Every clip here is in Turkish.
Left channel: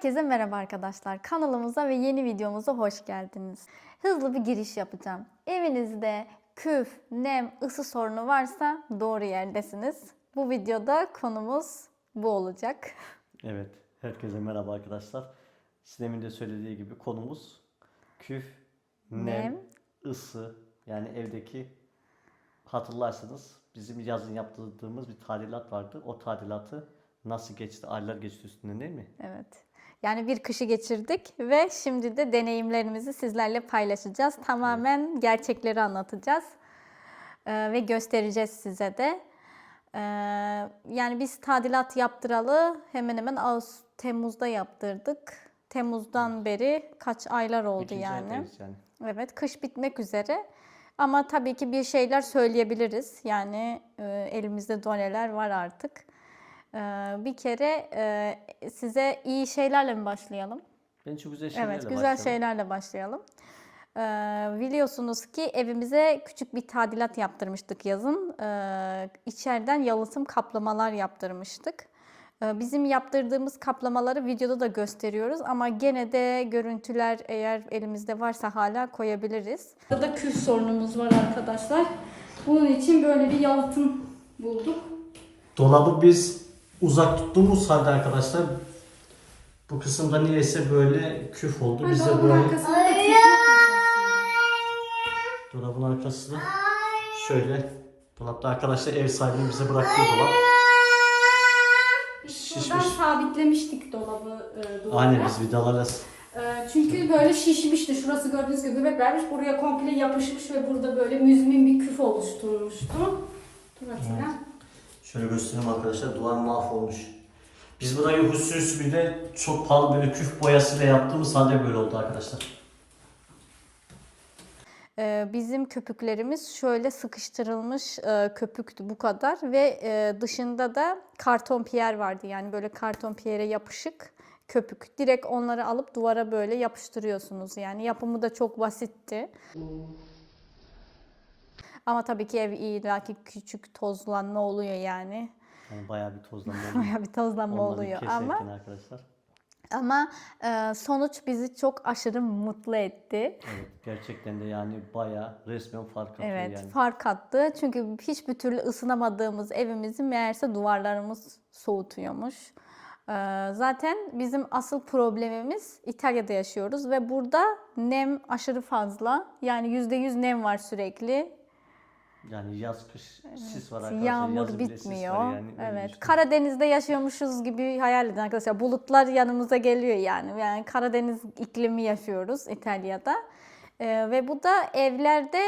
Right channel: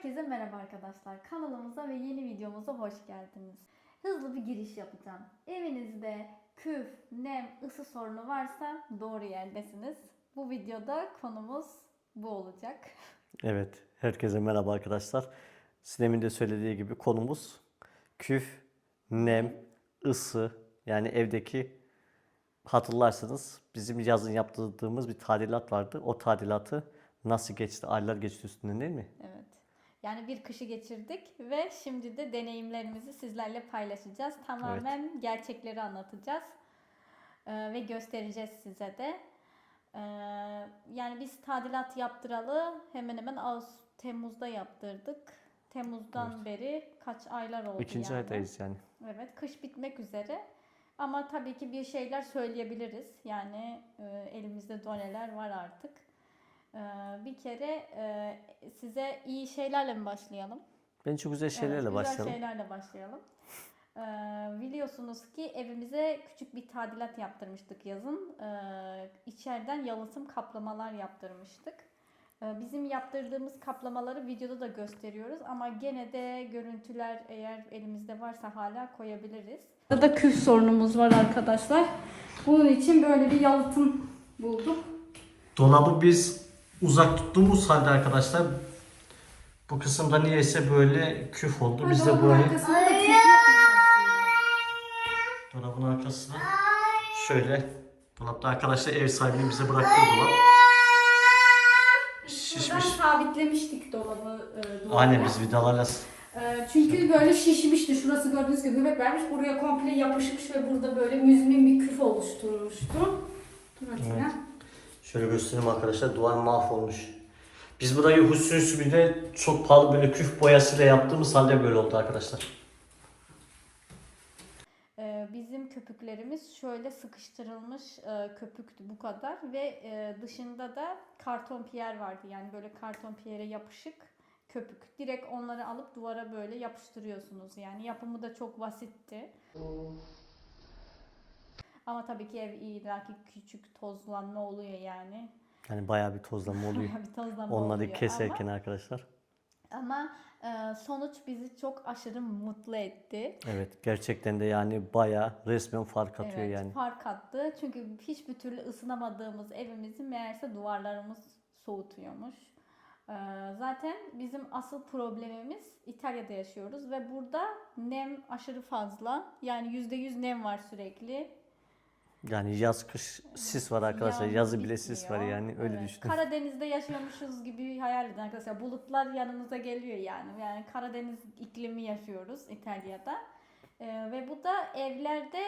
Herkese merhaba arkadaşlar. Kanalımıza ve yeni videomuza hoş geldiniz. Hızlı bir giriş yapacağım. Evinizde küf, nem, ısı sorunu varsa doğru yerdesiniz. Bu videoda konumuz bu olacak. Evet, herkese merhaba arkadaşlar. Sinem'in de söylediği gibi konumuz küf, nem, Nem. ısı yani evdeki hatırlarsınız bizim yazın yaptırdığımız bir tadilat vardı. O tadilatı nasıl geçti? Aylar geçti üstünden değil mi? Evet. Yani bir kışı geçirdik ve şimdi de deneyimlerimizi sizlerle paylaşacağız. Tamamen gerçekleri anlatacağız Ee, ve göstereceğiz size de. Ee, yani biz tadilat yaptıralı hemen hemen Ağustos, Temmuz'da yaptırdık. Temmuz'dan beri kaç aylar oldu İkinci yani. aydayız yani. Evet, kış bitmek üzere. Ama tabii ki bir şeyler söyleyebiliriz. Yani e, elimizde doneler var artık. E, bir kere e, size iyi şeylerle mi başlayalım? Bence güzel şeylerle evet, güzel başlayalım. şeylerle başlayalım. E, biliyorsunuz ki evimize küçük bir tadilat yaptırmıştık yazın. E, içeriden yalıtım kaplamalar yaptırmıştık. E, Bizim yaptırdığımız kaplamaları videoda da gösteriyoruz ama gene de görüntüler eğer elimizde varsa hala koyabiliriz. Burada küf sorunumuz var arkadaşlar. Bunun için böyle bir yalıtım bulduk. Dolabı biz uzak tuttuğumuz halde arkadaşlar bu kısımda niyeyse böyle küf oldu. Biz de burayı dolabın arkasına şöyle dolapta arkadaşlar ev sahibinin bize bıraktığı dolap. Şişmiş. Sabitlemiştik dolabı e, duvara. Aynen biz vidalarla E, çünkü böyle şişmişti. Şurası gördüğünüz gibi göbek vermiş. Buraya komple yapışmış ve burada böyle müzmin bir küf oluşturmuştu. Dur Atilla. Şöyle göstereyim arkadaşlar duvar mahvolmuş. Biz burayı husus bile çok pahalı böyle küf boyasıyla yaptığımız halde böyle oldu arkadaşlar. Ee, Bizim köpüklerimiz şöyle sıkıştırılmış e, köpüktü bu kadar ve e, dışında da karton piyer vardı yani böyle karton piyere yapışık köpük. Direkt onları alıp duvara böyle yapıştırıyorsunuz yani yapımı da çok basitti. Ama tabii ki ev illaki küçük tozlanma oluyor yani. Yani bayağı bir tozlanma oluyor. Bayağı bir tozlanma Onları oluyor keserken ama arkadaşlar. ama e, sonuç bizi çok aşırı mutlu etti. Evet gerçekten de yani bayağı resmen fark atıyor Evet, yani. fark attı. Çünkü hiçbir türlü ısınamadığımız evimizi meğerse duvarlarımız soğutuyormuş. Ee, Zaten bizim asıl problemimiz İtalya'da yaşıyoruz ve burada nem aşırı fazla. Yani %100 nem var sürekli. Yani yaz kış sis var arkadaşlar. Yağmur Yazı bile sis bitmiyor. var yani. Öyle evet. düşünün. Karadeniz'de yaşıyormuşuz gibi hayal edin arkadaşlar. Bulutlar yanımıza geliyor yani. Yani Karadeniz iklimi yaşıyoruz İtalya'da. Ee, ve bu da evlerde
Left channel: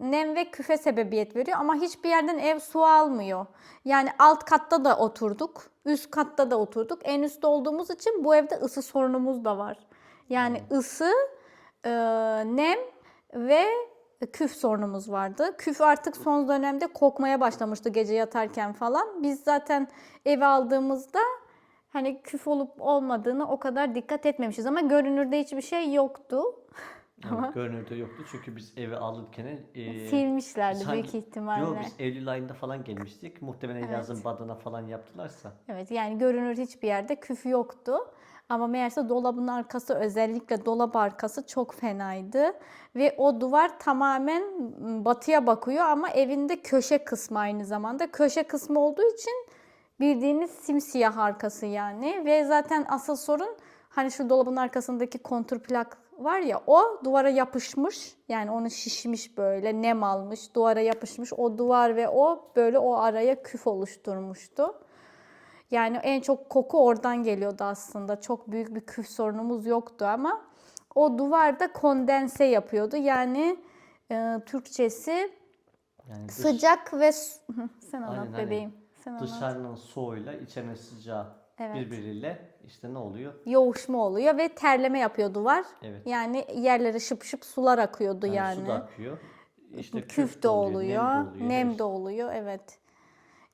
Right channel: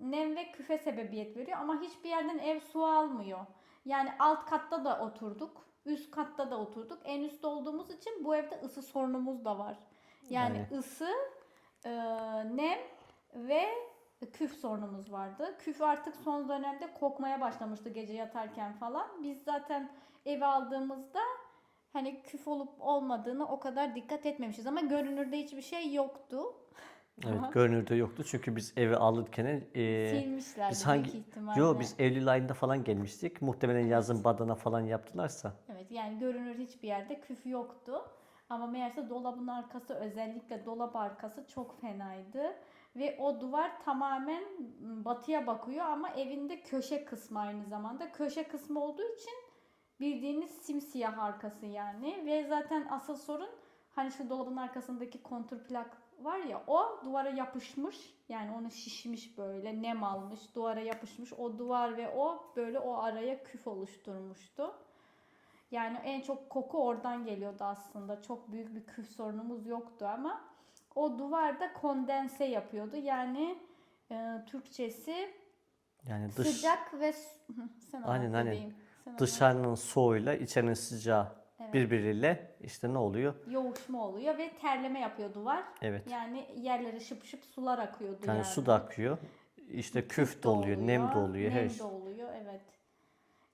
nem ve küfe sebebiyet veriyor ama hiçbir yerden ev su almıyor. Yani alt katta da oturduk, üst katta da oturduk. En üstte olduğumuz için bu evde ısı sorunumuz da var. Yani ısı, e, nem ve küf sorunumuz vardı. Küf artık son dönemde kokmaya başlamıştı gece yatarken falan. Biz zaten eve aldığımızda hani küf olup olmadığını o kadar dikkat etmemişiz ama görünürde hiçbir şey yoktu. Evet, görünürde yoktu çünkü biz evi alırken e, Silmişlerdi hangi- büyük ihtimalle. Yo biz Eylül ayında falan gelmiştik. Muhtemelen yazın badana falan yaptılarsa. Evet yani görünür hiçbir yerde küf yoktu. Ama meğerse dolabın arkası özellikle dolap arkası çok fenaydı. Ve o duvar tamamen batıya bakıyor ama evinde köşe kısmı aynı zamanda. Köşe kısmı olduğu için bildiğiniz simsiyah arkası yani. Ve zaten asıl sorun hani şu dolabın arkasındaki kontur plak var ya o duvara yapışmış. Yani onu şişmiş böyle nem almış duvara yapışmış. O duvar ve o böyle o araya küf oluşturmuştu. Yani en çok koku oradan geliyordu aslında. Çok büyük bir küf sorunumuz yoktu ama o duvarda kondense yapıyordu. Yani e, Türkçesi Yani dış, sıcak ve sen anlat Aynen, aynen. bebeğim. Sen anlat. dışarının soğuyla içerinin sıcağı Evet. birbiriyle işte ne oluyor? yoğuşma oluyor ve terleme yapıyor duvar. Evet. Yani yerlere şıp şıp sular akıyordu Yani, yani. su da akıyor. İşte küf, küf de oluyor, oluyor, nem de oluyor. nem şey. de oluyor, evet.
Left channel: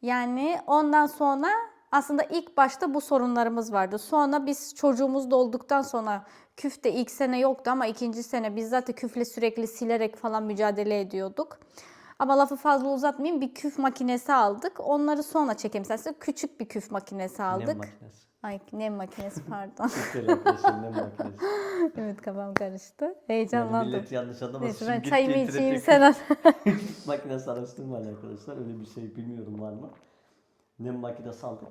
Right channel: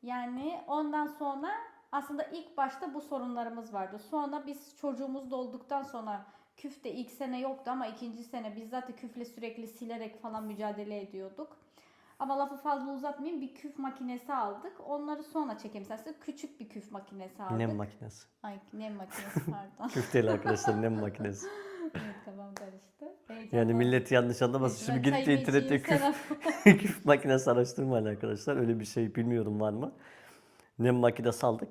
Yani ondan sonra aslında ilk başta bu sorunlarımız vardı. Sonra biz çocuğumuz da olduktan sonra küf de ilk sene yoktu ama ikinci sene biz zaten küfle sürekli silerek falan mücadele ediyorduk. Ama lafı fazla uzatmayayım. Bir küf makinesi aldık. Onları sonra çekeyim isterseniz. Küçük bir küf makinesi aldık. Nem makinesi. Ay nem makinesi pardon. Değil arkadaşlar nem makinesi. evet kafam karıştı. Yani Heyecanlandım. millet yanlış anlamasın. Şimdi içeyim internette küf, küf makinesi araştırmayın arkadaşlar. Öyle bir şey bilmiyorum var mı? Nem makinesi aldık.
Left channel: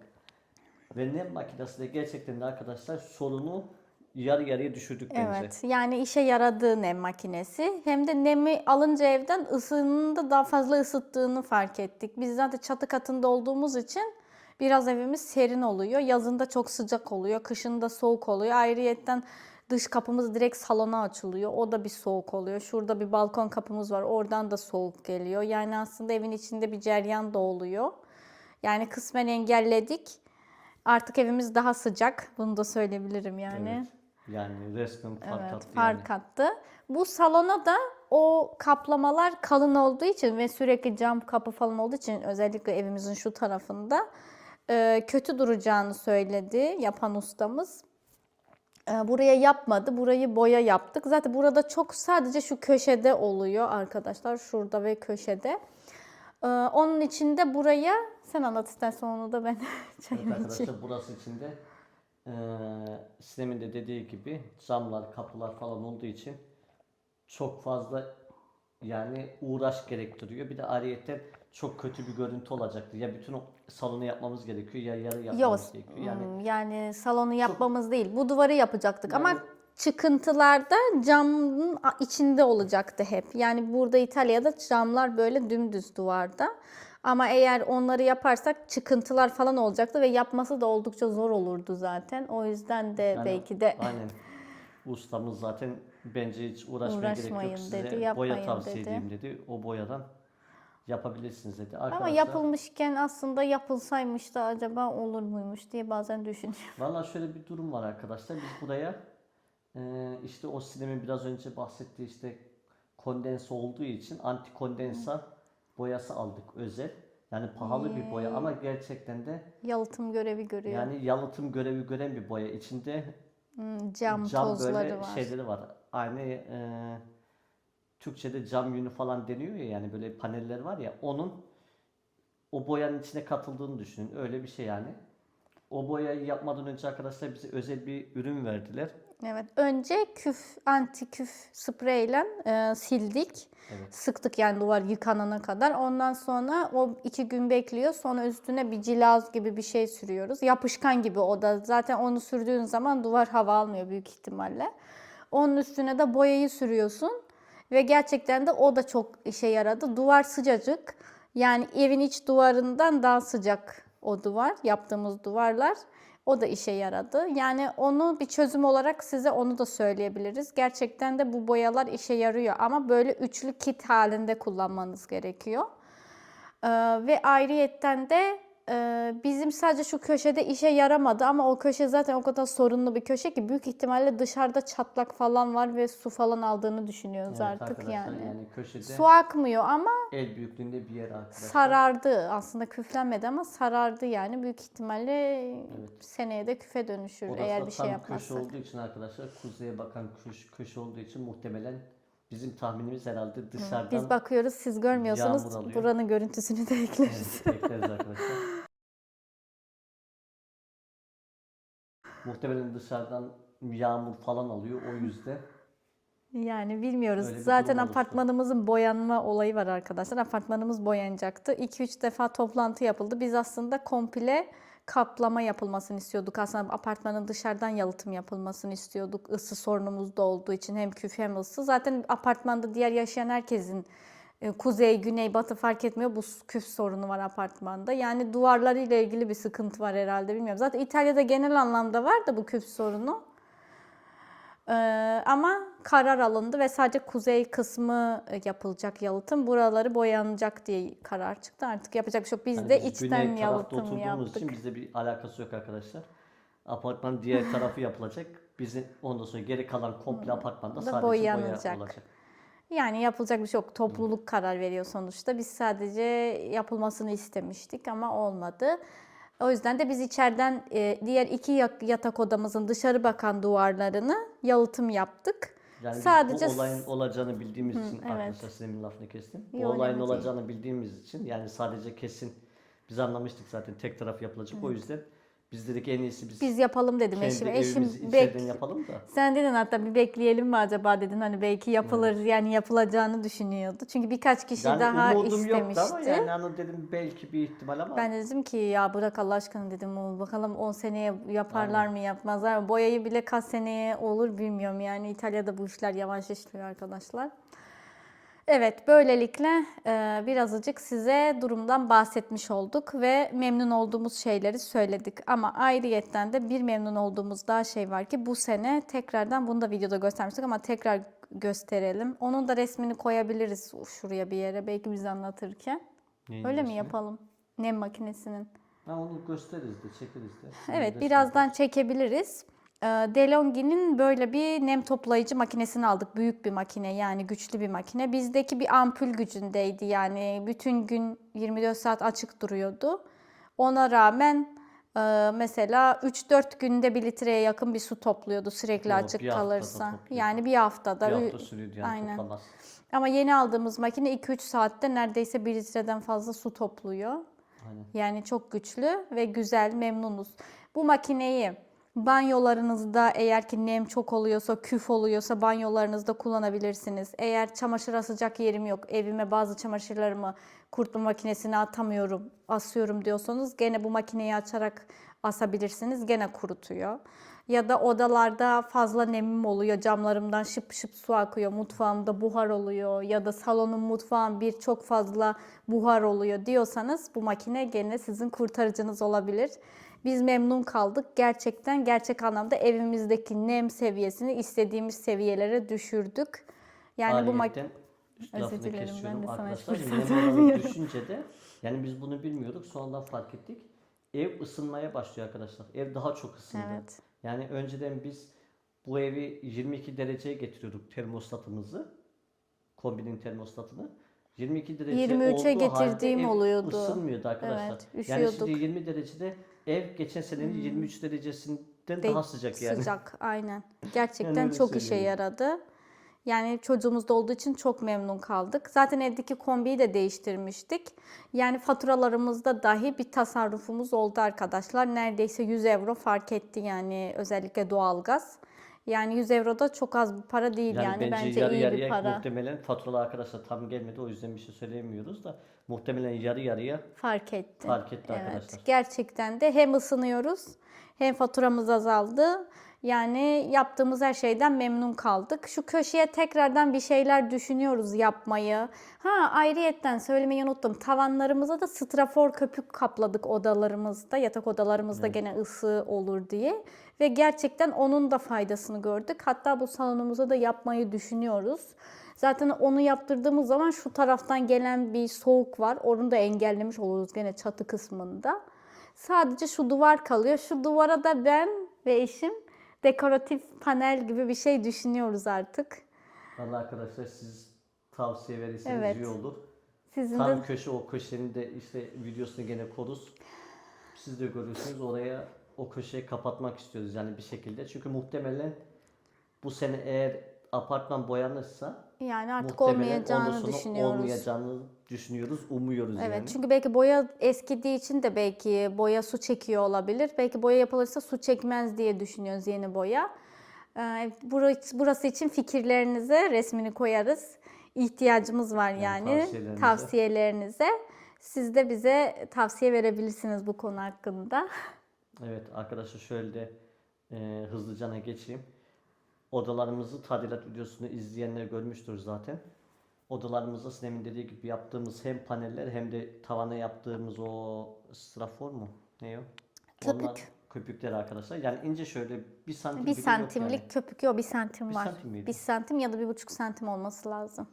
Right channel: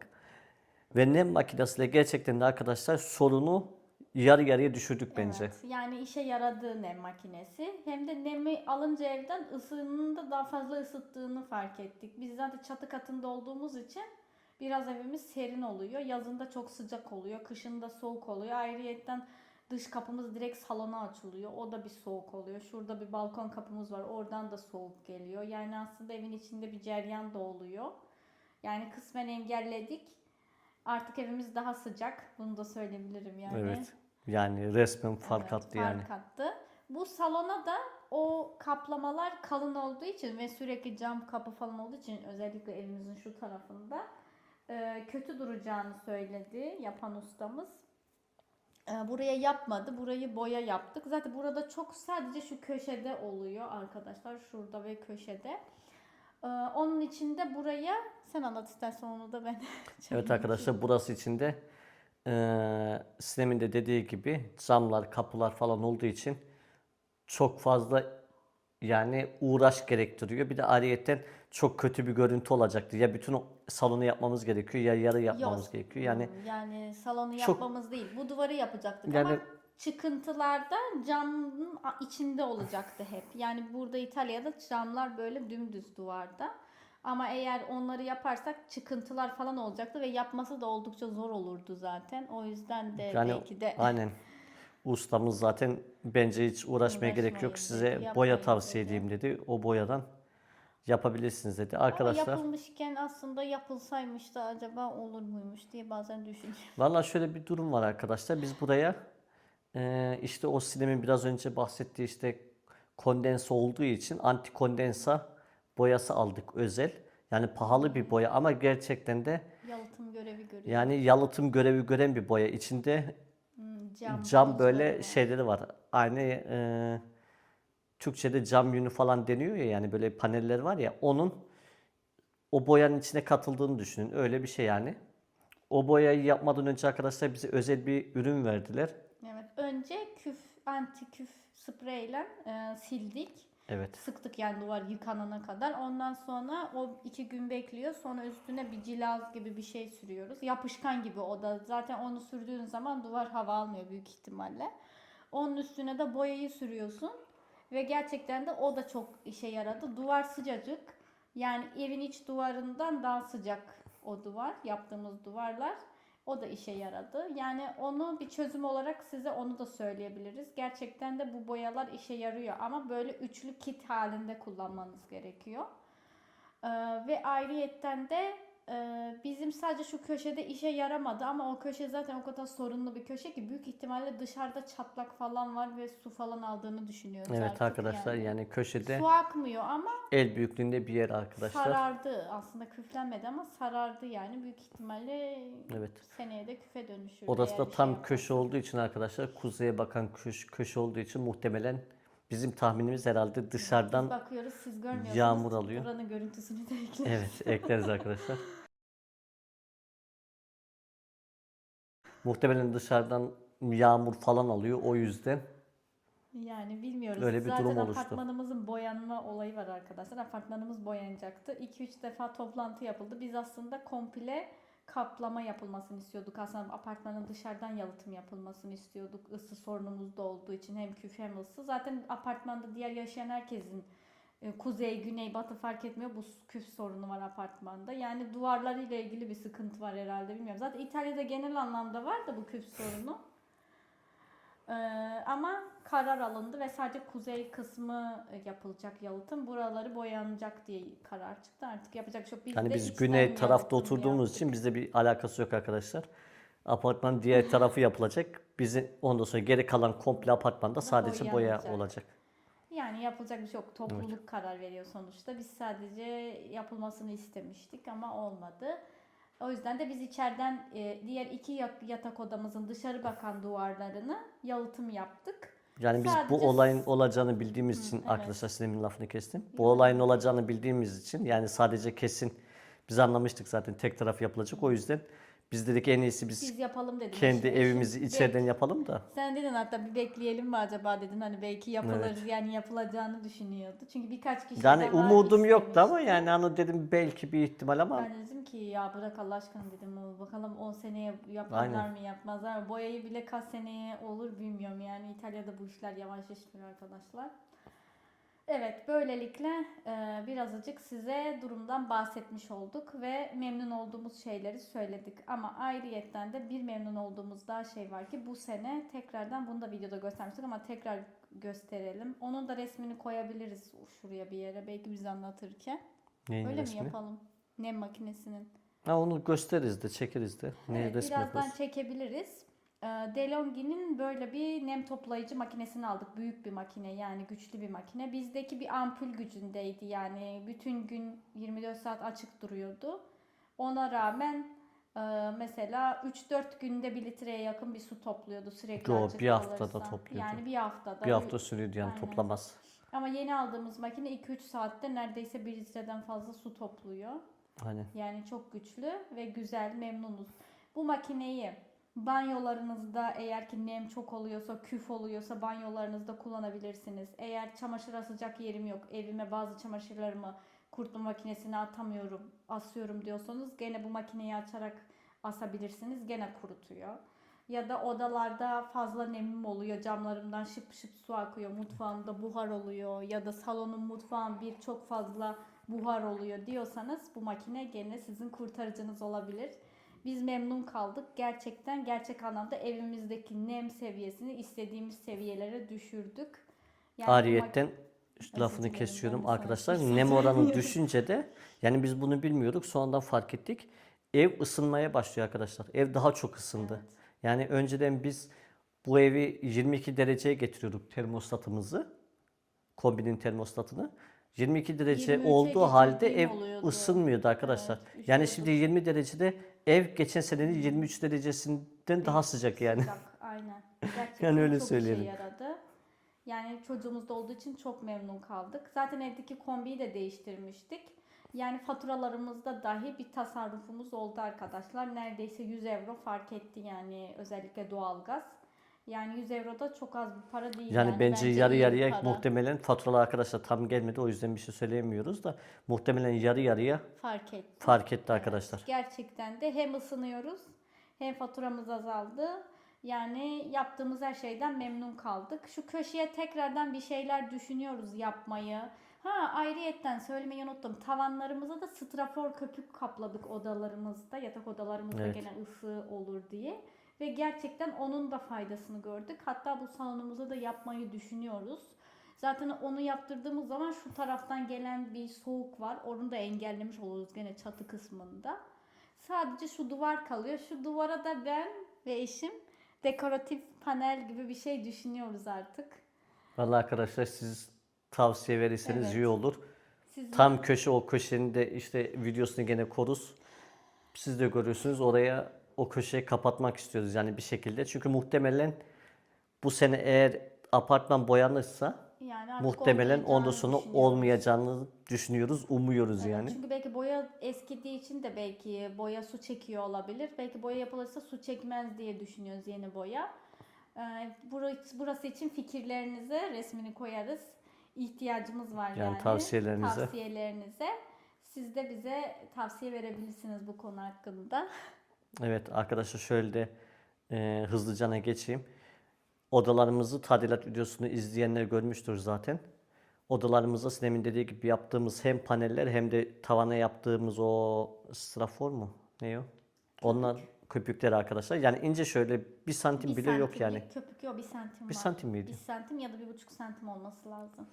Ve nem makinesiyle gerçekten de arkadaşlar sorunu yarı yarıya düşürdük bence. Evet yani işe yaradığı nem makinesi. Hem de nemi alınca evden ısının da daha fazla ısıttığını fark ettik. Biz zaten çatı katında olduğumuz için biraz evimiz serin oluyor. Yazında çok sıcak oluyor. Kışında soğuk oluyor. Ayrıyetten dış kapımız direkt salona açılıyor. O da bir soğuk oluyor. Şurada bir balkon kapımız var. Oradan da soğuk geliyor. Yani aslında evin içinde bir ceryan da oluyor. Yani kısmen engelledik. Artık evimiz daha sıcak. Bunu da söyleyebilirim yani. Evet. Yani resmen fark Evet, attı yani. fark attı. Bu salona da o kaplamalar kalın olduğu için ve sürekli cam kapı falan olduğu için özellikle evimizin şu tarafında e, kötü duracağını söyledi yapan ustamız. E, Buraya yapmadı. Burayı boya yaptık. Zaten burada çok sadece şu köşede oluyor arkadaşlar. Şurada ve köşede. E, Onun için de buraya sen anlat istersen onu da ben Evet arkadaşlar burası içinde eee Sinem'in de dediği gibi camlar, kapılar falan olduğu için çok fazla yani uğraş gerektiriyor. Bir de ayrıyetten çok kötü bir görüntü olacaktı. Ya bütün o salonu yapmamız gerekiyor ya yarı yapmamız Yok. gerekiyor. Yani hmm, yani salonu yapmamız değil. Bu duvarı yapacaktık ama Yani- çıkıntılarda camın içinde olacaktı hep. Yani burada İtalya'da camlar böyle dümdüz duvarda. Ama eğer onları yaparsak çıkıntılar falan olacaktı ve yapması da oldukça zor olurdu zaten. O yüzden de yani belki de aynen ustamız zaten bence hiç uğraşmaya gerek yok dedi, size boya tavsiye dedi. edeyim dedi. O boyadan yapabilirsiniz dedi. ama Arkadaşlar yapılmışken aslında yapılsaymış da acaba olur muymuş diye bazen düşünüyorum. Valla şöyle bir durum var arkadaşlar. Biz buraya eee, işte o sinemin biraz önce bahsettiği işte kondense olduğu için anti kondensa boyası aldık özel. Yani pahalı bir boya ama gerçekten de Yalıtım görevi görüyor. yani yalıtım görevi gören bir boya. İçinde Hmm, cam, cam böyle var. şeyleri var. Aynı eee, Türkçe'de cam yünü falan deniyor ya yani böyle paneller var ya onun o boyanın içine katıldığını düşünün. Öyle bir şey yani. O boyayı yapmadan önce arkadaşlar bize özel bir ürün verdiler. Evet. Önce küf, anti küf spreyle e, sildik. Evet. Sıktık yani duvar yıkanana kadar. Ondan sonra o iki gün bekliyor. Sonra üstüne bir cilaz gibi bir şey sürüyoruz. Yapışkan gibi o da. Zaten onu sürdüğün zaman duvar hava almıyor büyük ihtimalle. Onun üstüne de boyayı sürüyorsun. Ve gerçekten de o da çok işe yaradı. Duvar sıcacık. Yani evin iç duvarından daha sıcak o duvar. Yaptığımız duvarlar. O da işe yaradı. Yani onu bir çözüm olarak size onu da söyleyebiliriz. Gerçekten de bu boyalar işe yarıyor ama böyle üçlü kit halinde kullanmanız gerekiyor. Ee, ve ayrıyetten de bizim sadece şu köşede işe yaramadı ama o köşe zaten o kadar sorunlu bir köşe ki büyük ihtimalle dışarıda çatlak falan var ve su falan aldığını düşünüyoruz Evet artık arkadaşlar yani. yani, köşede Su akmıyor ama el büyüklüğünde bir yer arkadaşlar. sarardı. Aslında küflenmedi ama sarardı yani. Büyük ihtimalle Evet. seneye de küfe dönüşür Orası eğer da bir tam şey köşe olduğu için arkadaşlar kuzeye bakan köşe, köşe olduğu için muhtemelen bizim tahminimiz herhalde dışarıdan Biz bakıyoruz siz görmüyorsunuz. Buranın görüntüsünü de ekleriz. evet ekleriz arkadaşlar. Muhtemelen dışarıdan yağmur falan alıyor o yüzden. Yani bilmiyoruz. Öyle bir Zaten durum oluştu. apartmanımızın boyanma olayı var arkadaşlar. Apartmanımız boyanacaktı. 2-3 defa toplantı yapıldı. Biz aslında komple kaplama yapılmasını istiyorduk. Aslında apartmanın dışarıdan yalıtım yapılmasını istiyorduk. Isı sorunumuz da olduğu için hem küf hem ısı. Zaten apartmanda diğer yaşayan herkesin kuzey, güney, batı fark etmiyor. Bu küf sorunu var apartmanda. Yani duvarlarıyla ilgili bir sıkıntı var herhalde bilmiyorum. Zaten İtalya'da genel anlamda var da bu küf sorunu. Ee, ama karar alındı ve sadece kuzey kısmı e, yapılacak yalıtım. Buraları boyanacak diye karar çıktı. Artık yapacak bir şey yok. Biz Hani de biz içten güney tarafta oturduğumuz yaptık. için bizde bir alakası yok arkadaşlar. Apartmanın diğer tarafı yapılacak. Bizim ondan sonra geri kalan komple apartmanda Da sadece boya olacak. Yani yapılacak bir şey yok. Topluluk karar veriyor sonuçta. Biz sadece yapılmasını istemiştik ama olmadı. O yüzden de biz içeriden e, diğer iki yatak odamızın dışarı bakan duvarlarını yalıtım yaptık. Yani biz Sadece bu olayın olacağını bildiğimiz için evet. arkadaşlar Sinem'in lafını kestim. Bu Yok, olayın olacağını bildiğimiz için yani sadece kesin biz anlamıştık zaten tek taraf yapılacak. O yüzden biz dedik en iyisi biz, Biz yapalım dedim kendi eşim. evimizi içeriden bek- yapalım da. Sen dedin hatta bir bekleyelim mi acaba dedin hani belki yapılır yani yapılacağını düşünüyordu. Çünkü birkaç kişi Yani daha umudum yoktu istemişti. ama yani hani dedim belki bir ihtimal ama Ben de dedim ki ya bırak Allah aşkına dedim bakalım 10 seneye yaparlar mı yapmazlar mı? Boyayı bile kaç seneye olur bilmiyorum yani İtalya'da bu işler yavaş işliyor arkadaşlar. Evet böylelikle e, birazcık size durumdan bahsetmiş olduk ve memnun olduğumuz şeyleri söyledik. Ama ayrıyetten de bir memnun olduğumuz daha şey var ki bu sene tekrardan bunu da videoda göstermiştik ama tekrar gösterelim. Onun da resmini koyabiliriz şuraya bir yere belki biz anlatırken. Neyin Öyle mi resmi? yapalım? Nem makinesinin. Ha onu gösteririz de çekeriz de. Evet birazdan çekebiliriz. Ee, DeLonghi'nin böyle bir nem toplayıcı makinesini aldık. Büyük bir makine yani güçlü bir makine. Bizdeki bir ampul gücündeydi yani bütün gün 24 saat açık duruyordu. Ona rağmen e, mesela 3-4 günde bir litreye yakın bir su topluyordu sürekli Doğru, açık bir kalırsa. Yani bir haftada. bir hafta sürüyordu yani Aynen. toplamaz. Ama yeni aldığımız makine 2-3 saatte neredeyse 1 litreden fazla su topluyor. Hani Yani çok güçlü ve güzel, memnunuz. Bu makineyi banyolarınızda eğer ki nem çok oluyorsa, küf oluyorsa banyolarınızda kullanabilirsiniz. Eğer çamaşır asacak yerim yok, evime bazı çamaşırlarımı kurutma makinesine atamıyorum, asıyorum diyorsanız gene bu makineyi açarak asabilirsiniz. Gene kurutuyor. Ya da odalarda fazla nemim oluyor. Camlarımdan şıp şıp su akıyor. Mutfağımda buhar oluyor. Ya da salonum mutfağım bir çok fazla buhar oluyor diyorsanız bu makine gene sizin kurtarıcınız olabilir. Biz memnun kaldık. Gerçekten gerçek anlamda evimizdeki nem seviyesini istediğimiz seviyelere düşürdük. Yani bu Ariyetten Özür lafını kesiyorum arkadaşlar. Nem oranı düşünce de yani biz bunu bilmiyorduk. Sonradan fark ettik. Ev ısınmaya başlıyor arkadaşlar. Ev daha çok ısındı. Evet. Yani önceden biz bu evi 22 dereceye getiriyorduk termostatımızı. Kombinin termostatını. 22 derece 23'e olduğu halde ev oluyordu. ısınmıyordu arkadaşlar. Evet, yani şimdi 20 derecede ev geçen senenin 23 derecesinden daha sıcak yani. Sıcak aynen. Gerçekten öyle çok işe söyleyelim. yaradı. Yani çocuğumuz da olduğu için çok memnun kaldık. Zaten evdeki kombiyi de değiştirmiştik. Yani faturalarımızda dahi bir tasarrufumuz oldu arkadaşlar. Neredeyse 100 euro fark etti yani özellikle doğalgaz. Yani 100 euro da çok az bir para değil Yani, yani. bence, yarı iyi bir yarıya para. muhtemelen faturalar arkadaşlar tam gelmedi o yüzden bir şey söyleyemiyoruz da muhtemelen yarı yarıya fark etti. fark etti Evet, arkadaşlar. gerçekten de hem ısınıyoruz hem faturamız azaldı. Yani yaptığımız her şeyden memnun kaldık. Şu köşeye tekrardan bir şeyler düşünüyoruz yapmayı. Ha ayrıyetten söylemeyi unuttum. Tavanlarımıza da strafor köpük kapladık odalarımızda. Yatak odalarımızda Evet. gene ısı olur diye. Ve gerçekten onun da faydasını gördük. Hatta bu salonumuza da yapmayı düşünüyoruz. Zaten onu yaptırdığımız zaman şu taraftan gelen bir soğuk var. Onu da engellemiş oluruz gene çatı kısmında. Sadece şu duvar kalıyor. Şu duvara da ben ve eşim dekoratif panel gibi bir şey düşünüyoruz artık. Vallahi arkadaşlar siz tavsiye verirseniz Evet. iyi olur. Sizin Tam de köşe o köşenin de işte videosunu gene koruz. Siz de görüyorsunuz oraya o köşeyi kapatmak istiyoruz yani bir şekilde. Çünkü muhtemelen bu sene eğer apartman boyanırsa yani artık muhtemelen olmayacağını sonra düşünüyoruz. olmayacağını düşünüyoruz, umuyoruz Evet yani. çünkü belki boya eskidiği için de belki boya su çekiyor olabilir. Belki boya yapılırsa su çekmez diye düşünüyoruz yeni boya. Ee, Burası, burası için fikirlerinize resmini koyarız. İhtiyacımız var Yani yani, tavsiyelerinize. tavsiyelerinize. Siz de bize tavsiye verebilirsiniz bu konu hakkında. Evet arkadaşlar şöyle de e, hızlıca geçeyim. Odalarımızı tadilat videosunu izleyenler görmüştür zaten. Odalarımızda Sinem'in dediği gibi yaptığımız hem paneller hem de tavana yaptığımız o strafor mu? Ne o? Onlar köpükler arkadaşlar. Yani ince şöyle bir santim Bir bile yok santimlik yani. köpük yok bir santim Bir var. santim miydi? Bir santim ya da bir buçuk santim olması lazım.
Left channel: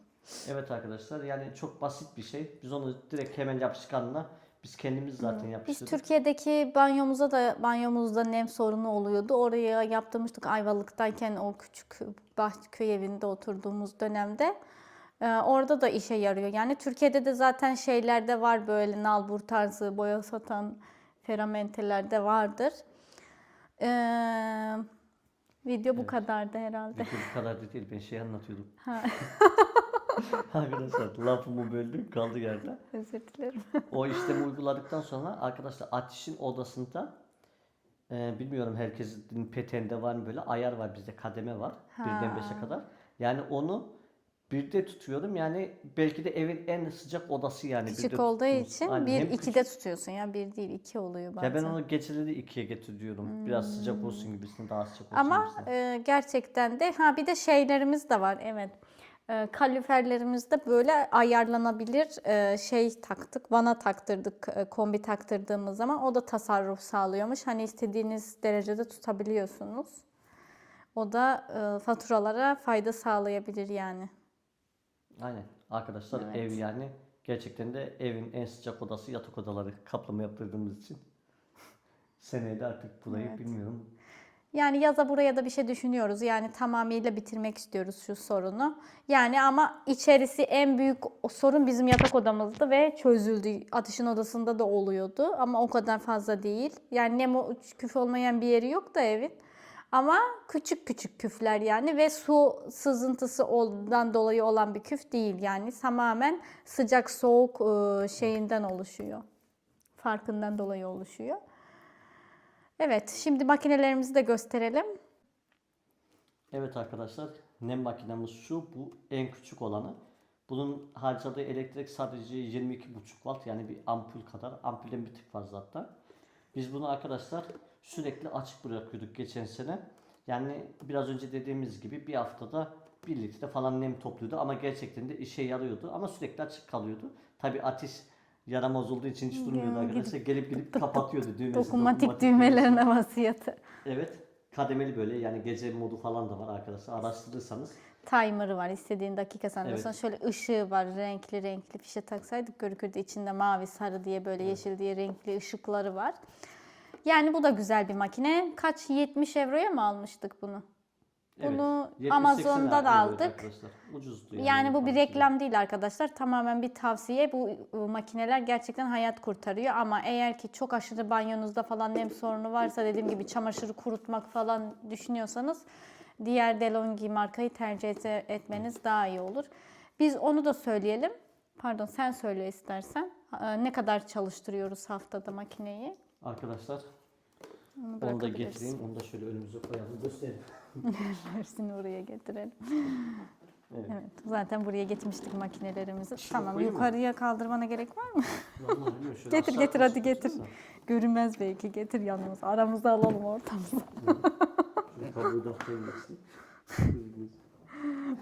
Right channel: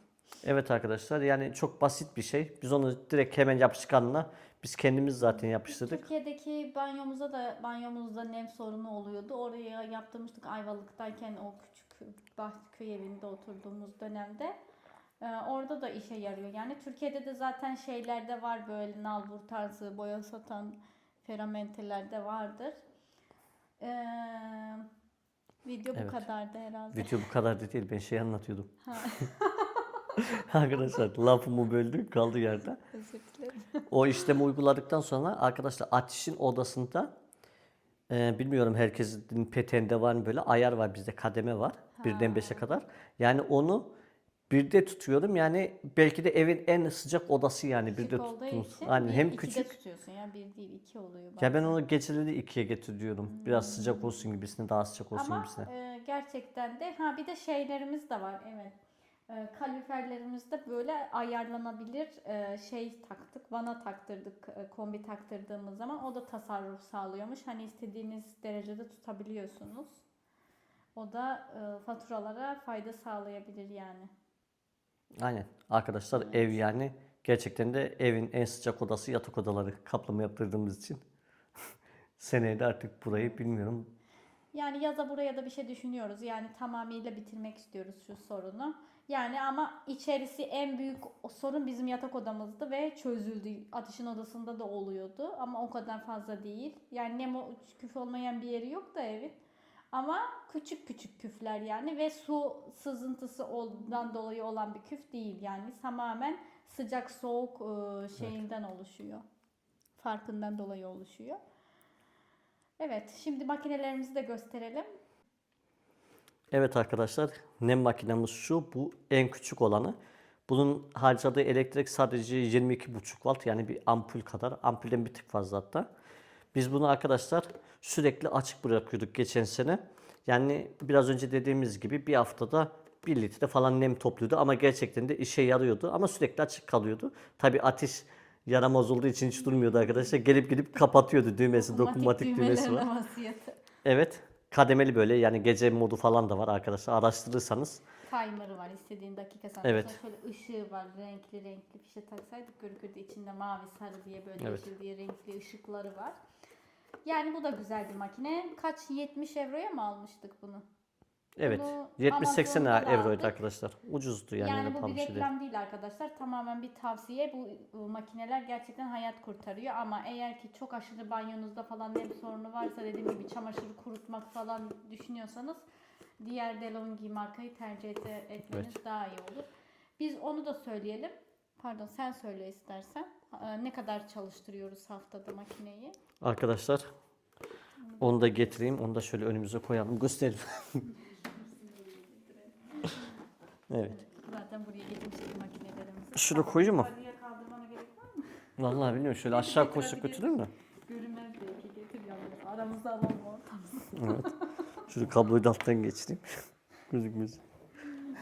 Evet arkadaşlar yani çok basit bir şey. Biz onu direkt hemen yapışkanla biz kendimiz zaten Biz yapıştırdık. Türkiye'deki banyomuza da banyomuzda nem sorunu oluyordu. Oraya yaptırmıştık Ayvalık'tayken o küçük bah köy evinde oturduğumuz dönemde. Ee, orada da işe yarıyor. Yani Türkiye'de de zaten şeylerde var böyle nalbur tarzı boya satan feramentelerde vardır. Ee, Video bu Evet. kadardı herhalde. Video bu kadar da değil. Ben şey anlatıyordum. Ha. arkadaşlar lafımı böldü kaldı yerde. Özür dilerim. O işlemi uyguladıktan sonra arkadaşlar ateşin odasında e, bilmiyorum herkesin peteğinde var mı böyle ayar var bizde kademe var. Birden beşe kadar. Yani onu birde tutuyorum. Yani belki de evin en sıcak odası yani. Küçük birde olduğu tuttuğumuz. için Aynen, bir hem ikide küçük- tutuyorsun ya bir değil iki oluyor bazen. Ya ben onu geceleri ikiye getiriyorum. Biraz sıcak olsun gibisine daha sıcak olsun Ama gibisine. e, gerçekten de ha bir de şeylerimiz de var evet. E, kaloriferlerimizde böyle ayarlanabilir e, şey taktık. Vana taktırdık e, kombi taktırdığımız zaman o da tasarruf sağlıyormuş. Hani istediğiniz derecede tutabiliyorsunuz. O da e, faturalara fayda sağlayabilir yani. Aynen. Arkadaşlar ev yani gerçekten de evin en sıcak odası yatak odaları kaplama yaptırdığımız için. Seneye de artık burayı bilmiyorum. Yani yaza buraya da bir şey düşünüyoruz. Yani tamamıyla bitirmek istiyoruz şu sorunu. Yani ama içerisi en büyük sorun bizim yatak odamızdı ve çözüldü. Atışın odasında da oluyordu ama o kadar fazla değil. Yani nem o- küf olmayan bir yeri yok da evin. Ama küçük küçük küfler yani ve su sızıntısı oldan dolayı olan bir küf değil yani tamamen sıcak soğuk ıı, şeyinden oluşuyor. Farkından dolayı oluşuyor. Evet, şimdi makinelerimizi de gösterelim. Evet arkadaşlar nem makinemiz şu. Bu en küçük olanı. Bunun harcadığı elektrik sadece 22,5 volt yani bir ampul kadar. Ampulden bir tık fazla hatta. Biz bunu arkadaşlar sürekli açık bırakıyorduk geçen sene. Yani biraz önce dediğimiz gibi bir haftada 1 litre falan nem topluyordu ama gerçekten de işe yarıyordu ama sürekli açık kalıyordu. Tabi ateş yaramaz olduğu için hiç durmuyordu arkadaşlar. Gelip gelip kapatıyordu düğmesi, Dokunmatik, dokunmatik düğmesi düğmelerine vasiyeti. Evet. Kademeli böyle yani gece modu falan da var arkadaşlar. Araştırırsanız. Timer'ı var istediğin dakika sen Evet. Sonra şöyle ışığı var renkli renkli fişe taksaydık görükürdü içinde mavi sarı diye böyle yeşil diye renkli ışıkları var. Yani bu da güzel bir makine. Kaç 70 euroya mı almıştık bunu? Evet. Bunu 70-80 Amazon'dan euroydu aldık. arkadaşlar. Ucuzdu yani. Yani, bu bir reklam değil arkadaşlar. Tamamen bir tavsiye. Bu makineler gerçekten hayat kurtarıyor. Ama eğer ki çok aşırı banyonuzda falan nem sorunu varsa dediğim gibi çamaşırı kurutmak falan düşünüyorsanız diğer DeLonghi markayı tercih et- etmeniz daha iyi olur. Biz onu da söyleyelim. Pardon sen söyle istersen. Ee, Ne kadar çalıştırıyoruz haftada makineyi? Arkadaşlar Onu da onu da getireyim. Onu da şöyle önümüze koyalım. Gösterelim. Hepsini oraya getirelim. evet. Evet, zaten buraya getirmiştik makinelerimizi. Şuraya tamam, koyayım mı? yukarıya kaldırmana gerek var mı? Vallahi bilmiyorum. Şöyle Getir, aşağı getir, hadi getir. Görünmez belki getir yanımız. Aramızda alalım ortamızı. Şöyle kabloyu da alttan geçireyim. Gözükmez.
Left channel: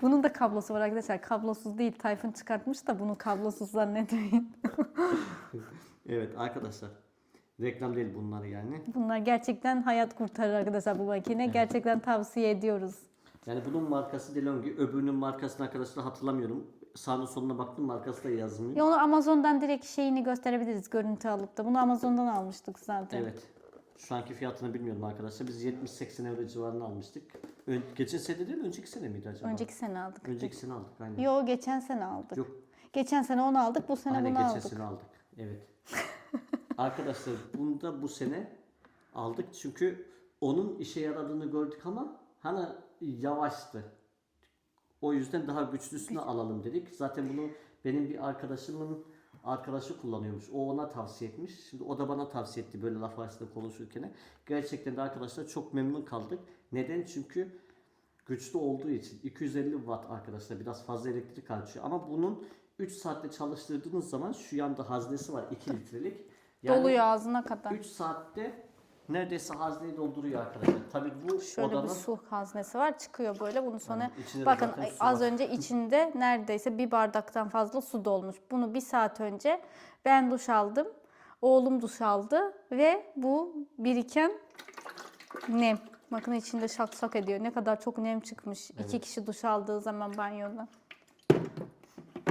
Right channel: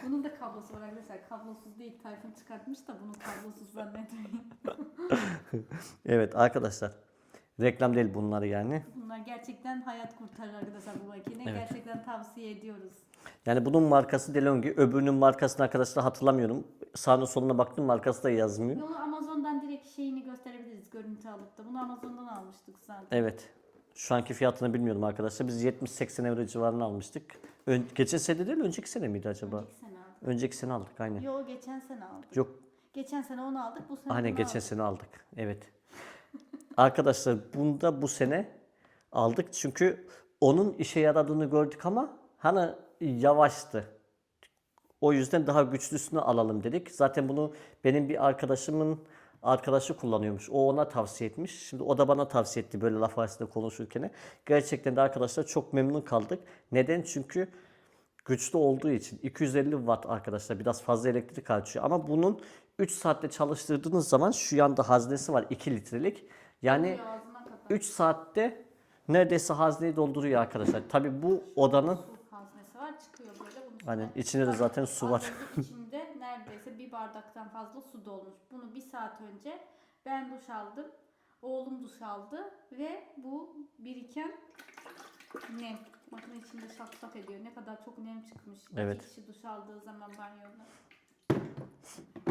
Bunun da kablosu var arkadaşlar. Kablosuz değil. Tayfun çıkartmış da bunu kablosuz zannetmeyin. evet arkadaşlar. Reklam değil bunları yani. Bunlar gerçekten hayat kurtarır arkadaşlar bu makine. Gerçekten tavsiye ediyoruz. Yani bunun markası DeLonghi. Öbürünün markasını arkadaşlar hatırlamıyorum. Sağına soluna baktım markası da yazmıyor. Ya onu Amazon'dan direkt şeyini gösterebiliriz görüntü alıp da. Bunu Amazon'dan almıştık zaten. Evet. Şu anki fiyatını bilmiyorum arkadaşlar. Biz 70-80 euro civarına almıştık. Ön, geçen sene değil önceki sene miydi acaba? Önceki sene aldık. Önceki sene aldık aynen. Yo geçen sene aldık. Yok Geçen sene onu aldık, bu sene aynen bunu geçen aldık. sene aldık. Evet. arkadaşlar bunu da bu sene aldık. Çünkü onun işe yaradığını gördük ama hani yavaştı. O yüzden daha güçlüsünü alalım dedik. Zaten bunu benim bir arkadaşımın arkadaşı kullanıyormuş. O ona tavsiye etmiş. Şimdi o da bana tavsiye etti böyle laf arasında konuşurken. Gerçekten de arkadaşlar çok memnun kaldık. Neden? Çünkü güçlü olduğu için 250 watt arkadaşlar biraz fazla elektrik harcıyor. Ama bunun 3 saatte çalıştırdığınız zaman şu yanda haznesi var 2 litrelik. Yani Doluyor ağzına kadar. 3 saatte neredeyse hazneyi dolduruyor arkadaşlar. Tabii bu Şöyle odanın bir su haznesi var çıkıyor böyle bunun sonra. Aynen, içinde de Bakın, zaten su az var. önce içinde neredeyse bir bardaktan fazla su dolmuş. Bunu bir saat önce ben duş aldım. Oğlum duş aldı ve bu biriken nem. Bakın içinde şak şak ediyor. Ne kadar çok nem çıkmış. Evet. İki kişi duş aldığı zaman banyoda.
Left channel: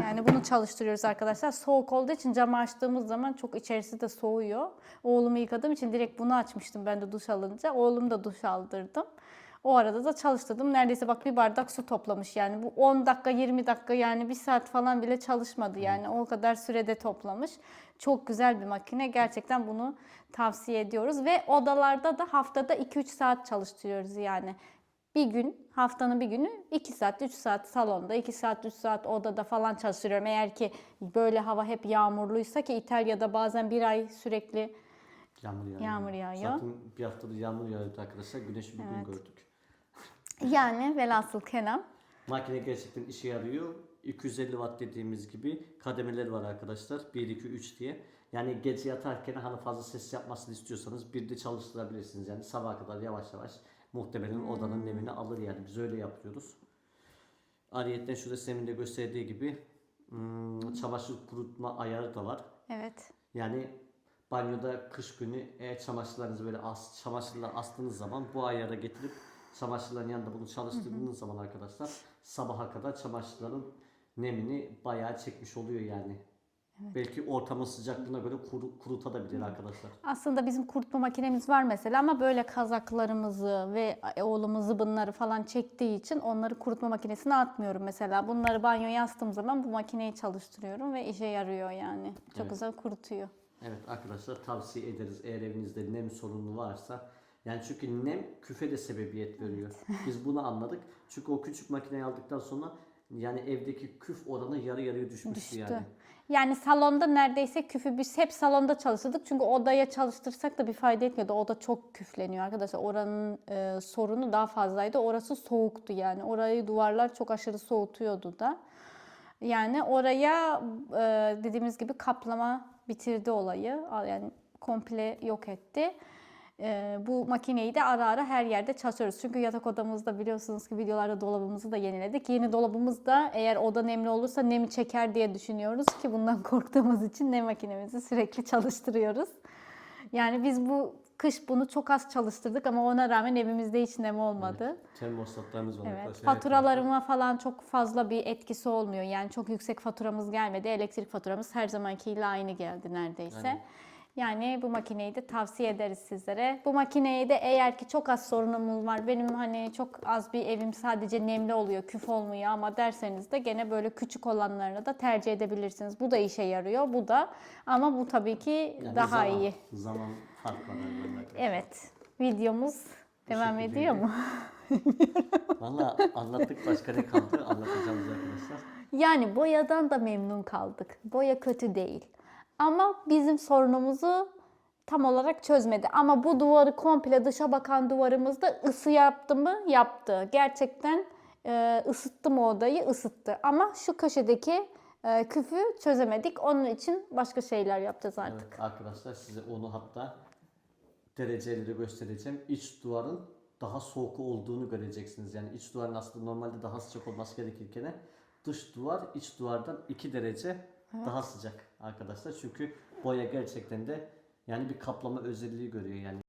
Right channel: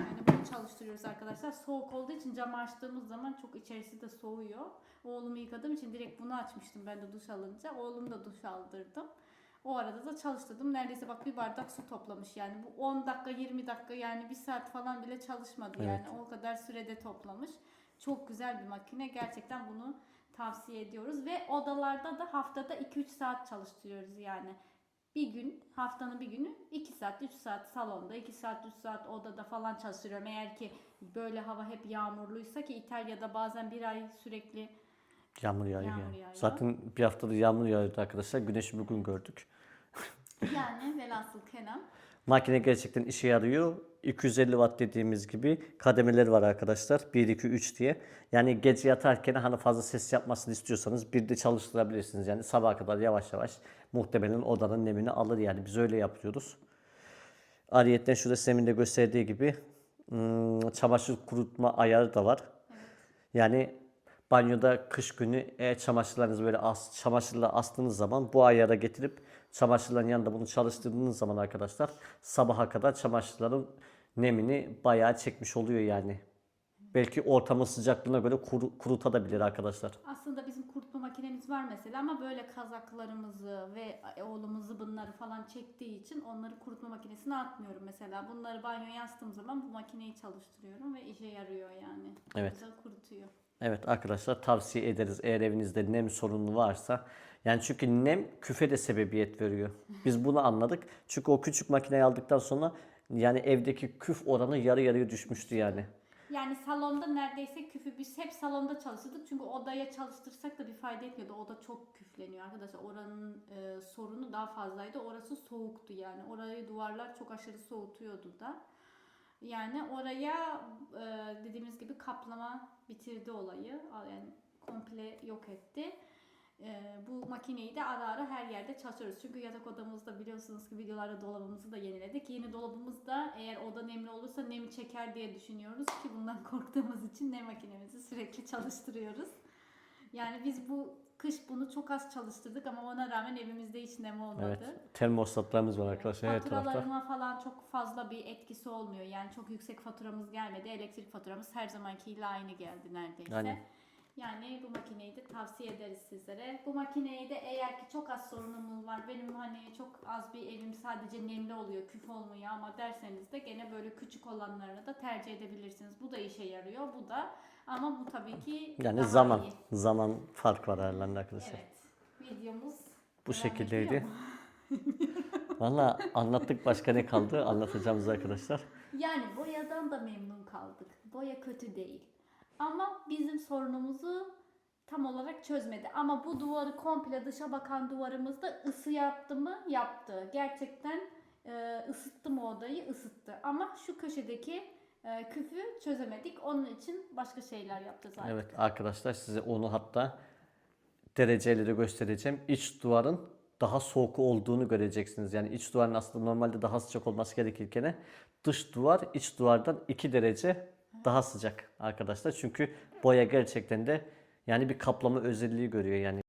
Yani bunu çalıştırıyoruz arkadaşlar. Soğuk olduğu için camı açtığımız zaman çok içerisi de soğuyor. Oğlumu yıkadığım için direkt bunu açmıştım ben de duş alınca. Oğlum da duş aldırdım. O arada da çalıştırdım. Neredeyse bak bir bardak su toplamış yani. Bu 10 dakika 20 dakika yani bir saat falan bile çalışmadı yani. O kadar sürede toplamış. Çok güzel bir makine. Gerçekten bunu tavsiye ediyoruz. Ve odalarda da haftada 2-3 saat çalıştırıyoruz yani. Bir gün haftanın bir günü 2 saat 3 saat salonda 2 saat 3 saat odada falan çalıştırıyorum. Eğer ki böyle hava hep yağmurluysa ki İtalya'da bazen bir ay sürekli Yağmur yağıyor. Yağmur yağıyor. Zaten bir haftadır yağmur yağıyordu arkadaşlar. Güneşi bugün gördük. yani velhasıl kelam Makine gerçekten işe yarıyor. 250 watt dediğimiz gibi kademeleri var arkadaşlar. 1, 2, 3 diye. Yani gece yatarken hani fazla ses yapmasını istiyorsanız bir de çalıştırabilirsiniz. Yani sabaha kadar yavaş yavaş muhtemelen odanın nemini alır yani. Biz öyle yapıyoruz. Ariyetten şurada Sem'in de gösterdiği gibi hmm, çamaşır kurutma ayarı da var. evet. Yani banyoda kış günü eğer çamaşırlarınızı böyle as, çamaşırla astığınız zaman bu ayara getirip çamaşırların yanında bunu çalıştırdığınız zaman arkadaşlar sabaha kadar çamaşırların nemini bayağı çekmiş oluyor yani. Belki ortamın sıcaklığına göre kuru, kurutabilir arkadaşlar. Aslında bizim kurutma makinemiz var mesela ama böyle kazaklarımızı ve oğlumun zıbınları falan çektiği için onları kurutma makinesine atmıyorum mesela. Bunları banyoya astığım zaman bu makineyi çalıştırıyorum ve işe yarıyor yani. Çok Evet. güzel kurutuyor. Evet arkadaşlar tavsiye ederiz eğer evinizde nem sorunu varsa. Yani çünkü nem küfe de sebebiyet veriyor. Biz bunu anladık. Çünkü o küçük makineyi aldıktan sonra yani evdeki küf oranı yarı yarıya düşmüştü Düştü. yani. Yani salonda neredeyse küfü biz hep salonda çalıştırdık. Çünkü odaya çalıştırsak da bir fayda etmiyordu. Oda çok küfleniyor arkadaşlar. Oranın e, sorunu daha fazlaydı. Orası soğuktu yani. Orayı duvarlar çok aşırı soğutuyordu da. Yani oraya e, dediğimiz gibi kaplama bitirdi olayı. Yani komple yok etti. E, bu makineyi de ara ara her yerde çalışıyoruz. Çünkü yatak odamızda biliyorsunuz ki videolarda dolabımızı da yeniledik. Yeni dolabımız da eğer oda nemli olursa nemi çeker diye düşünüyoruz ki bundan korktuğumuz için nem makinemizi sürekli çalıştırıyoruz. Yani biz bu kış bunu çok az çalıştırdık ama ona rağmen evimizde hiç nem olmadı. Evet. Termostatlarımız var Evet. arkadaşlar. Faturalarıma falan çok fazla bir etkisi olmuyor. Yani çok yüksek faturamız gelmedi. Elektrik faturamız her zamankiyle aynı geldi neredeyse. Aynen. Yani bu makineyi de tavsiye ederiz sizlere. Bu makineyi de eğer ki çok az sorunumuz var. Benim hani çok az bir evim sadece nemli oluyor, küf olmuyor ama derseniz de gene böyle küçük olanlarını da tercih edebilirsiniz. Bu da işe yarıyor, bu da. Ama bu tabii ki Yani daha zaman, iyi. zaman fark var aralarında. Evet. Videomuz Bu devam şekildeydi. ediyor mu? Valla anlattık başka ne kaldı anlatacağımız arkadaşlar. Yani boyadan da memnun kaldık. Boya kötü değil. Ama bizim sorunumuzu tam olarak çözmedi. Ama bu duvarı komple dışa bakan duvarımızda ısı yaptı mı? Yaptı. Gerçekten e, ısıttı mı odayı? Isıttı. Ama şu köşedeki e, küfü çözemedik. Onun için başka şeyler yapacağız artık. Evet arkadaşlar size onu hatta dereceyle de göstereceğim. İç duvarın daha soğuk olduğunu göreceksiniz. Yani iç duvarın aslında normalde daha sıcak olması gerekirken dış duvar iç duvardan 2 derece daha sıcak arkadaşlar. Çünkü boya gerçekten de yani bir kaplama özelliği görüyor yani.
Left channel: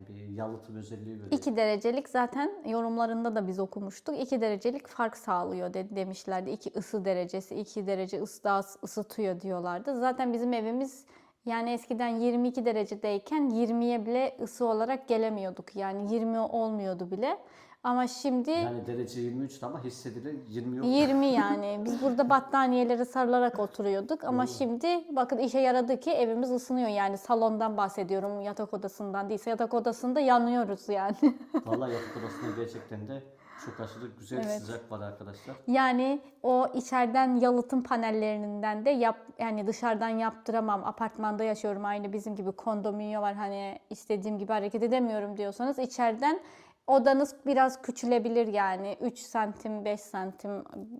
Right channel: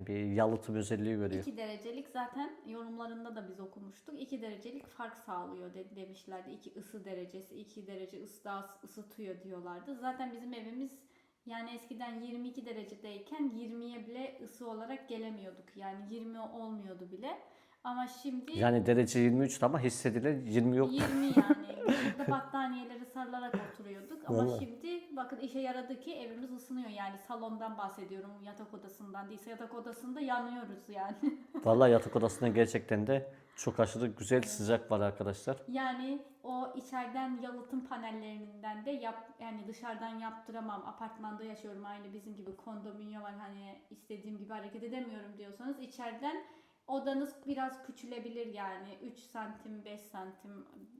Bir yalıtım özelliği görüyor. 2 derecelik zaten yorumlarında da biz okumuştuk. 2 derecelik fark sağlıyor de, demişlerdi. 2 ısı derecesi, 2 derece ısı daha ısıtıyor diyorlardı. Zaten bizim evimiz yani eskiden 22 derecedeyken 20'ye bile ısı olarak gelemiyorduk. Yani 20 olmuyordu bile. Ama şimdi Yani derece 23 ama hissedilen 20 yok. 20 yani. Biz burada battaniyeleri sarılarak oturuyorduk ama Vallahi. şimdi bakın işe yaradı ki evimiz ısınıyor. Yani salondan bahsediyorum yatak odasından değilse yatak odasında yanıyoruz yani. Vallahi yatak odasında gerçekten de çok aşırı güzel sıcak var arkadaşlar. Yani o içeriden yalıtım panellerinden de yap yani dışarıdan yaptıramam. Apartmanda yaşıyorum aynı bizim gibi kondominyo var hani istediğim gibi hareket edemiyorum diyorsanız içeriden odanız biraz küçülebilir yani 3 santim 5 santim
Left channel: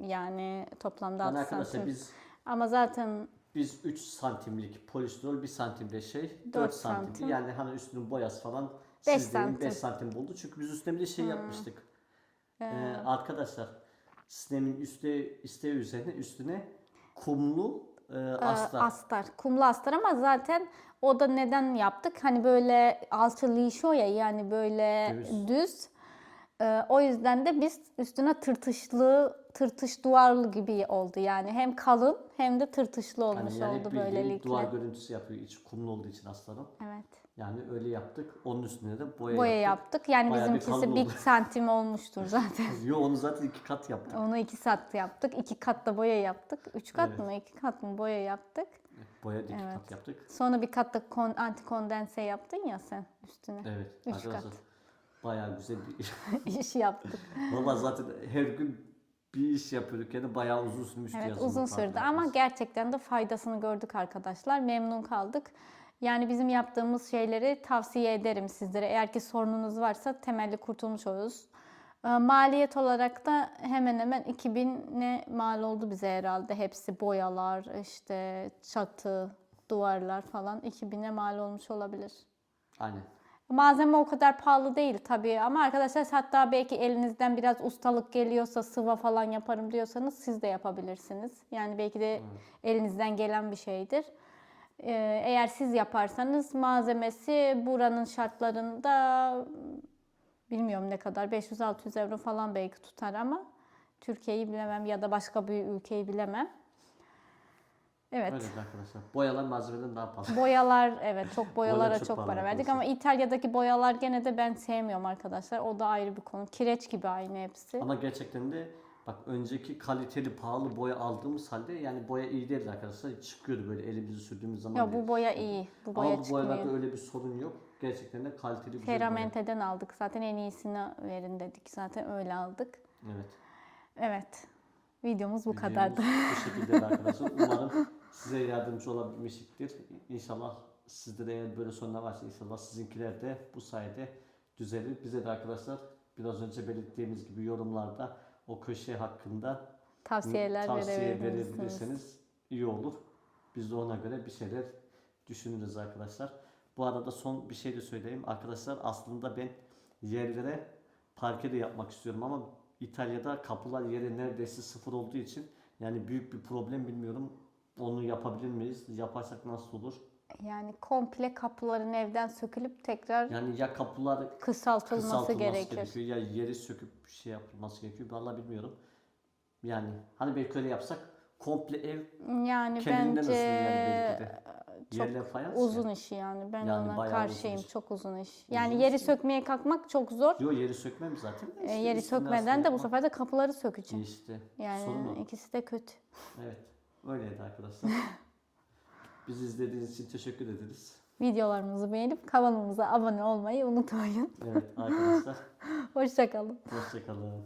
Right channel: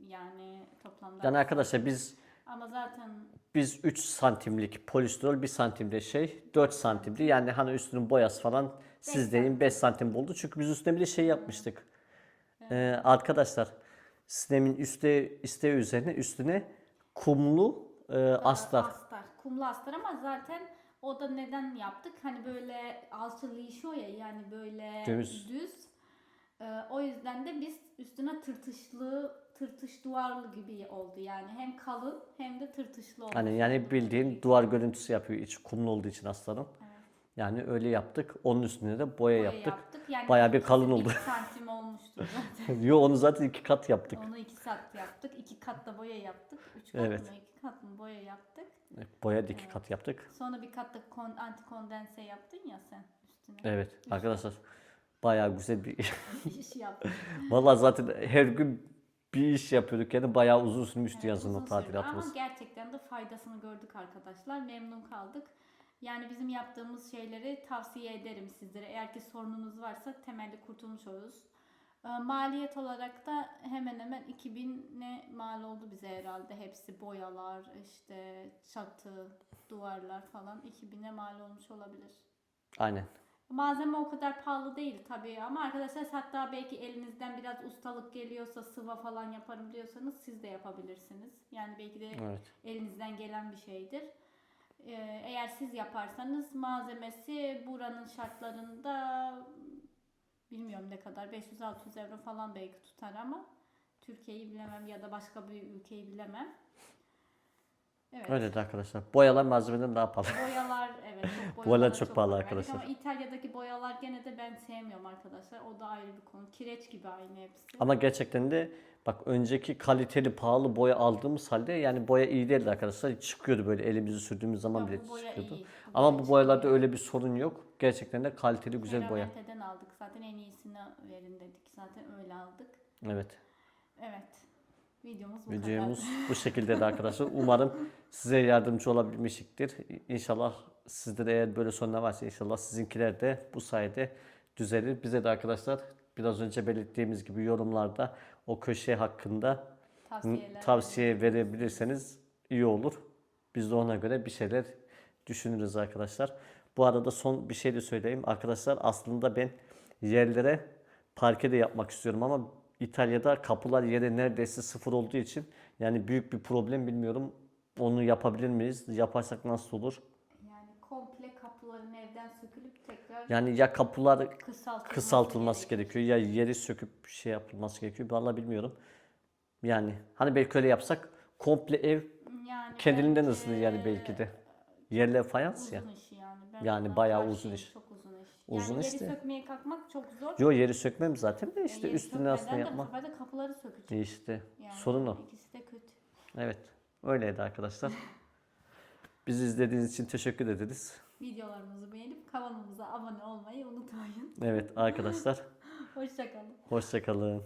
yani toplamda Yani 6 arkadaşlar santim. biz ama zaten biz 3 santimlik polistirol 1 santimde şey 4, Dört santimdi. santim. Yani hani üstünün boyası falan Beş siz deyin 5 santim. santim buldu. Çünkü biz üstüne bir de şey yapmıştık. Ee, arkadaşlar sistemin üstte isteği üzerine üstüne kumlu e, astar. astar. Kumlu astar ama zaten o da neden yaptık? Hani böyle alçalışıyor ya yani böyle Düz. düz. Ee, o yüzden de biz üstüne tırtışlı, tırtış duvarlı gibi oldu yani. Hem kalın hem de tırtışlı olmuş Hani yani oldu bildiğin böylelikle. duvar görüntüsü yapıyor iç kumlu olduğu için aslanım. Evet. Yani öyle yaptık. Onun üstüne de boya, Boya yaptık. yaptık. Yani Bayağı bir kalın bir oldu. santim olmuştur zaten. Yo onu zaten iki kat yaptık. Onu iki kat yaptık. iki kat da boya yaptık. Üç kat Evet. mı? iki kat mı boya yaptık. Boya iki Evet. kat yaptık. Sonra bir kat da kon, anti kondense yaptın ya sen üstüne. Evet Üç arkadaşlar bayağı güzel bir İş yaptık. Vallahi zaten her gün bir iş yapıyorduk yani bayağı uzun sürmüştü Evet yazılım uzun sürdü ama gerçekten de faydasını gördük arkadaşlar. Memnun kaldık. Yani bizim yaptığımız şeyleri tavsiye ederim sizlere. Eğer ki sorununuz varsa temelli kurtulmuş oluruz. Ee, Maliyet olarak da hemen hemen 2000'e mal oldu bize herhalde. Hepsi boyalar, işte çatı, duvarlar falan 2000'e mal olmuş olabilir. Aynen. Malzeme o kadar pahalı değil tabii ama arkadaşlar hatta belki elinizden biraz ustalık geliyorsa sıva falan yaparım diyorsanız siz de yapabilirsiniz. Yani belki de Evet. elinizden gelen bir şeydir. Ee, eğer siz yaparsanız malzemesi buranın şartlarında bilmiyorum ne kadar 500-600 euro falan belki tutar ama Türkiye'yi bilemem ya da başka bir ülkeyi bilemem. Evet. Öyle de arkadaşlar. Boyalar malzemeden daha pahalı. Boyalar evet çok boyalara çok çok, pahalı para verdik arkadaşlar. ama İtalya'daki boyalar gene de ben sevmiyorum arkadaşlar. O da ayrı bir konu. Kireç gibi aynı hepsi. Ama gerçekten de bak önceki kaliteli pahalı boya aldığımız halde yani boya iyi değildi arkadaşlar. Çıkıyordu böyle elimizi sürdüğümüz zaman ya bile bu boya çıkıyordu. iyi. Bu Ama boya bu boyalarda çıkmıyor. öyle bir sorun yok. Gerçekten de kaliteli güzel boya. Ferramente'den aldık. Zaten en iyisini verin dedik. Zaten öyle aldık. Evet. Evet. Videomuz bu Videomuz kadardı. bu şekilde de arkadaşlar. Umarım size yardımcı olabilmişiktir. İnşallah sizde de eğer böyle sorunlar varsa inşallah sizinkiler de bu sayede düzelir. Bize de arkadaşlar biraz önce belirttiğimiz gibi yorumlarda o köşe hakkında Tavsiyeler tavsiye verebilirseniz iyi olur. Biz de ona göre bir şeyler düşünürüz arkadaşlar. Bu arada son bir şey de söyleyeyim. Arkadaşlar aslında ben yerlere parke de yapmak istiyorum ama İtalya'da kapılar yere neredeyse sıfır olduğu için yani büyük bir problem bilmiyorum. Onu yapabilir miyiz? Yaparsak nasıl olur? Yani komple kapıların evden sökülüp tekrar Yani ya kapılar kısaltılması, kısaltılması gerekir. gerekiyor ya yeri söküp şey yapılması gerekiyor. Vallahi bilmiyorum. Yani hani belki öyle yapsak komple ev Yani Kendiliğinden bence ısınır yani belki de. Yerler fayans uzun ya. iş yani. Ben Yani ona bayağı uzun karşıyım. iş. Çok uzun iş. Uzun Yani yeri işte. sökmeye kalkmak çok zor. Yo yeri sökmem zaten de Ee, işte yeri sökmeden de bu yapmak. sefer de kapıları sökeceğim. İşte Yani sorun o. ikisi de kötü. Evet öyleydi arkadaşlar. Bizi izlediğiniz için teşekkür ederiz. Videolarımızı beğenip kanalımıza abone olmayı unutmayın. Evet arkadaşlar Hoşçakalın. hoşçakalın.